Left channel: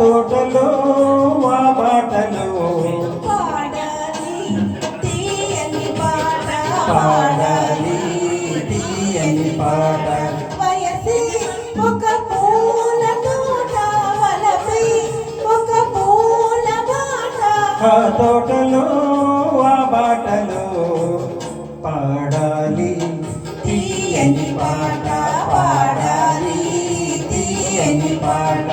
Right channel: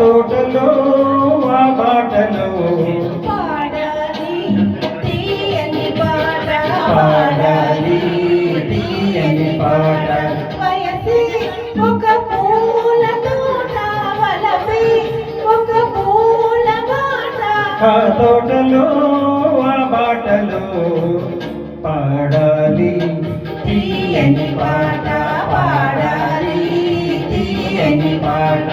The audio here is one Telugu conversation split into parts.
తోటలో ఆ బాటలో పాడాలి తీయని పాట పాడాలి తీయని పాట వయసి ఒక పూల తోట వలపి ఒక పూల బాట ఆ తోటలో ఆ బాటలో పాడాలి తీయని పాట పాడాలి తీయని పాట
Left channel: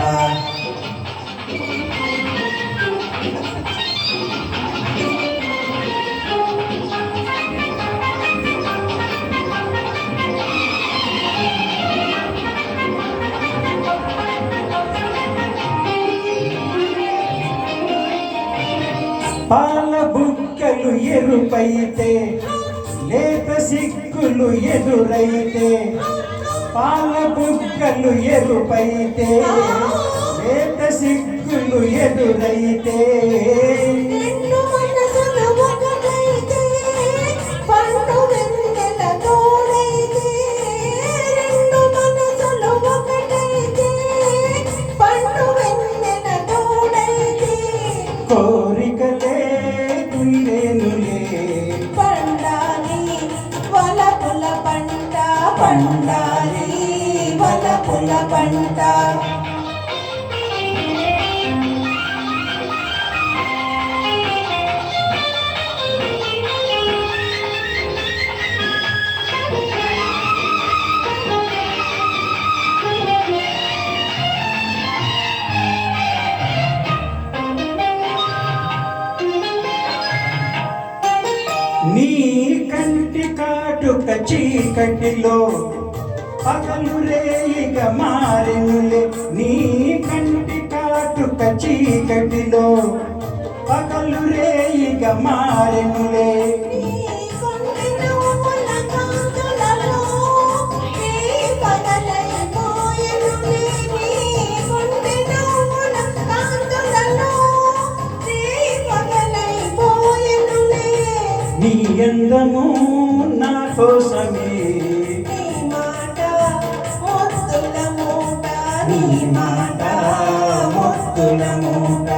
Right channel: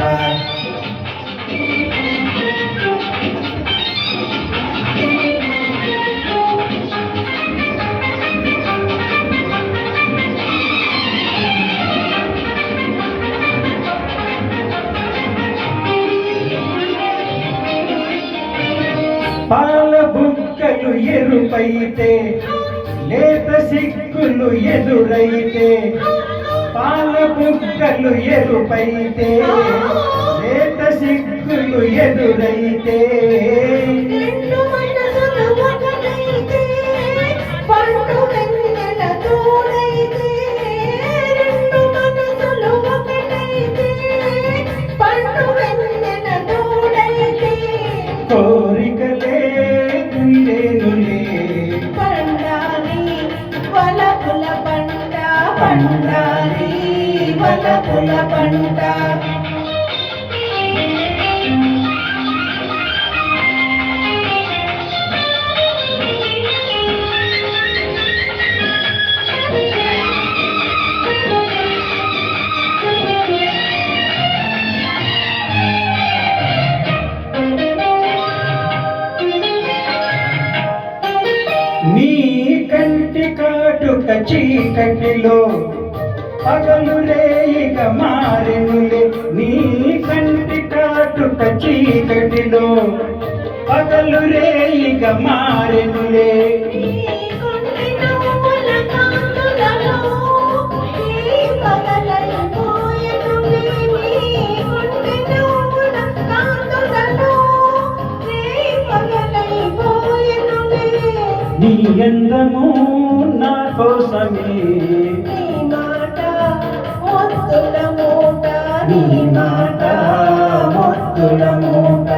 పాల బుక్కలు ఎరుపైతే లేత సిక్కులు ఎదురైతే పాల బుక్కలు ఎరుపైతే లేత సిక్కులు ఎదురైతే రెండు మనసులు ఒకటైతే పండు వెన్నెల తోడైతే రెండు మనసులు ఒకటైతే పండు వెన్నెల తోడైతే కోరికలే గుండెనులే పండాలి వలపుల పంట పండాలి వలపుల పంట నీ కంటి కాటుక చీకటిలో పగలు రేయిగ మారెనులే నీ కంటి కాటుక చీకటిలో పగలు రేయిగ మారెనులే నీ అందము నా కోసమే నీ మాట ముద్దుల మూట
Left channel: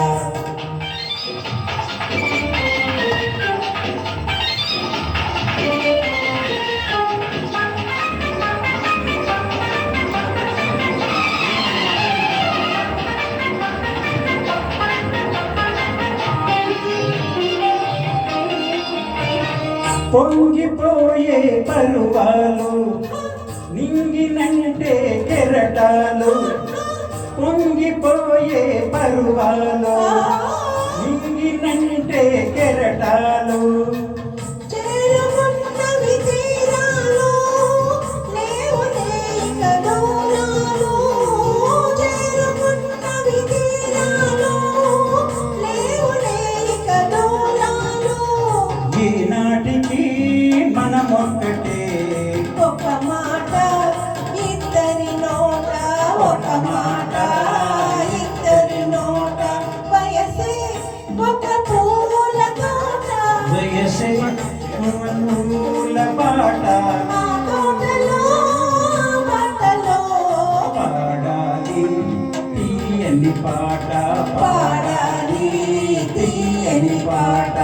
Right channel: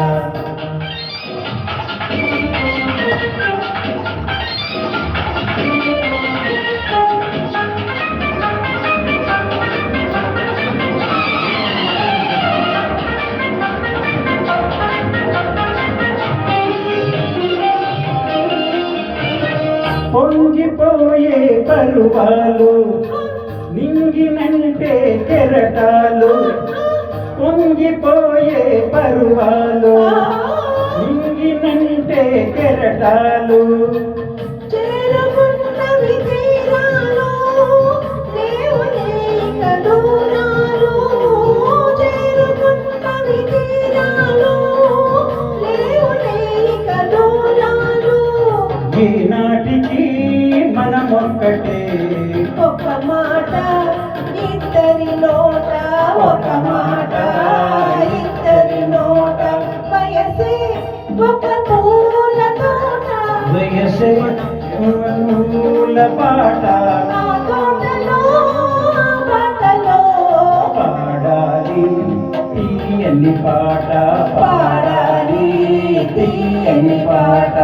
పొంగిపోయే పరువాలు నింగినంటే కెరటాలు పొంగిపోయే పరువాలు నింగినంటే కెరటాలు ఈనాటికి మనమొక్కటే ఒక మాట ఇద్దరి నోట ఒక మాట ఇద్దరి నోట వయసే ఒక పూల తోట వయసే పూల పాట ఆ తోటలో బాటలో పాడాలి తీయని పాట పాడాలి తీయని పాట